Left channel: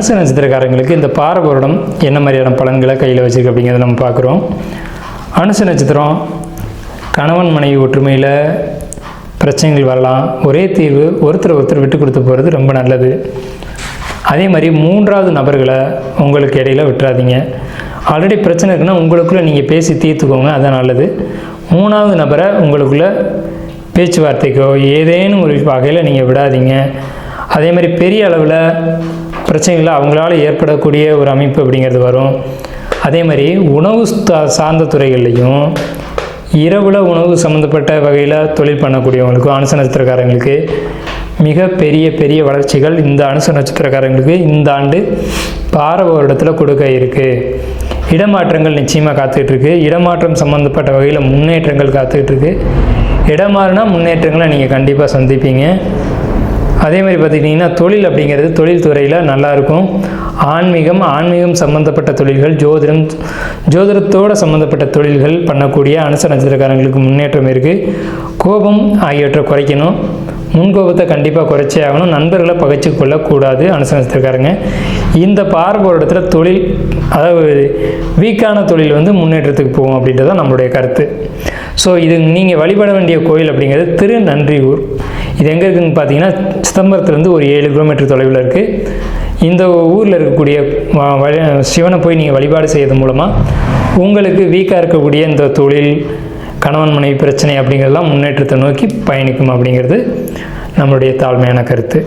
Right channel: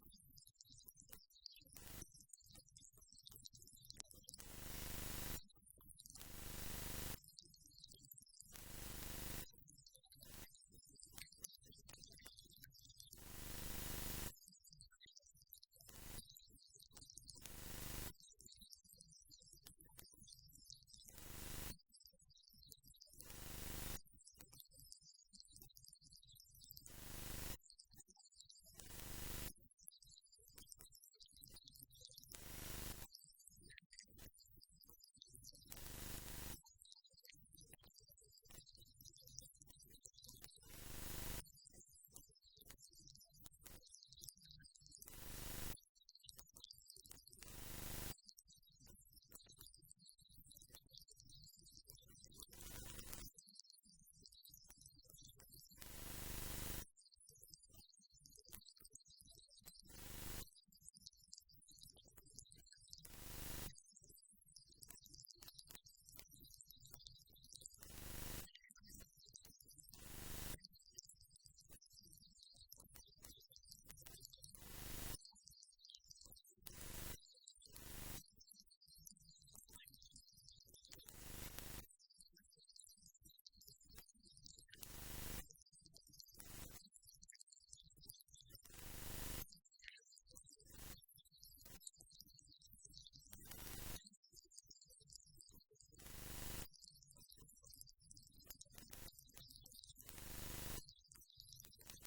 அனுச நட்சத்திரக்காரங்களுக்கு இந்த பாரபுரடம் என்ன மாதிரியான பலன்களை கையில் வச்சுருக்கு அப்படிங்கிறத நம்ம பார்க்குறோம். அனுச நட்சத்திரம் கணவன் மனைவி ஒற்றுமையில் பிரச்சனைகள் வரலாம். ஒரே தீர்வு, ஒருத்தர் விட்டு கொடுத்து போகிறது ரொம்ப நல்லது. அதே மாதிரி 3வது நபர்களை உங்களுக்கு இடையில் விட்டுறாதீங்க. ஆல்ரெடி பிரச்சனை இருக்குன்னா உங்களுக்குள்ளே நீங்கள் பேசி தீர்த்துக்கோங்க, அதுதான் நல்லது. 3வது நபரை உங்களுக்குள்ளே பேச்சுவார்த்தைக்கோ ஏதேனும் ஒரு வகையில் நீங்கள் விடாதீங்க. அதே மாதிரி பெரிய அளவில் பிரச்சனைகள் அவங்களால ஏற்படக்கூடிய ஒரு அமைப்பு அப்படிங்கிறது வரும். அதே மாதிரி உணவு சார்ந்த துறைகள்லையும் இரவில் உணவு சம்மந்தப்பட்ட வகையில் தொழில் பண்ணக்கூடியவங்களுக்கும் அனுச நட்சத்திரக்காரங்களுக்கு மிக பெரிய வளர்ச்சிகள் இந்த அனுச நட்சத்திரக்காரங்களுக்கு இந்த ஆண்டு பாரபுரத்தில் கொடுக்க இருக்குது. இடமாற்றங்கள் நிச்சயமாக காத்துட்ருக்கு. இடமாற்றம் சம்மந்தப்பட்ட வகையில் முன்னேற்றங்கள் காத்துட்ருக்கு. இடமாறுனா முன்னேற்றங்களை நீங்கள் கண்டிப்பாக சந்திப்பீங்க. அதே மாதிரி பார்த்துக்கிட்டிங்கன்னா தொழில் அப்படிங்கிறது தொழில் துறையில் நல்லாயிருக்கும். ஆன்மீகம் சம்மந்தப்பட்ட தொழில்கள், ஜோதிடத்தோடு சம்மந்தப்பட்ட தொழில்கள் பண்ணக்கூடிய அனுச நட்சத்திரக்காரங்களுக்கு முன்னேற்றம் இருக்குது. கோபம் ஆகியவற்றை குறைக்கணும். முன்கோபத்தை கண்டிப்பாக குறைச்சே ஆகணும். நண்பர்களை பகைச்சு கொள்ளக்கூடாது அனுச நட்சத்திரக்காரங்க. இந்த பாரபுரத்தில் தொழில், அதாவது வீக்கான தொழில் முன்னேற்றத்துக்கு போகும் அப்படின்றது தான் நம்மளுடைய கருத்து. ஸோ இது நீங்கள் வழிபட வேண்டிய கோயில் அப்படிங்கிறது திருநன்றியூர். இது எங்கே இருக்குதுன்னு பார்த்தீங்கன்னா சிதம்பரத்துலேருந்து ஒரு 7 கிலோமீட்டர் தொலைவில் இருக்குது. இந்த ஊரில் இருக்கக்கூடிய சிவனை போய் நீங்கள் வழிபாடு செய்யறது மூலமாக உங்களுக்கு வீக்காக இருக்கக்கூடிய இந்த தொழில், கணவன் மனைவி பிரச்சனை அப்படிங்கிறதெல்லாம் முன்னேற்றத்தை நோக்கி பயணிக்கும் அப்படிங்கிறது நம்மளுடைய தாழ்மையான கருத்து.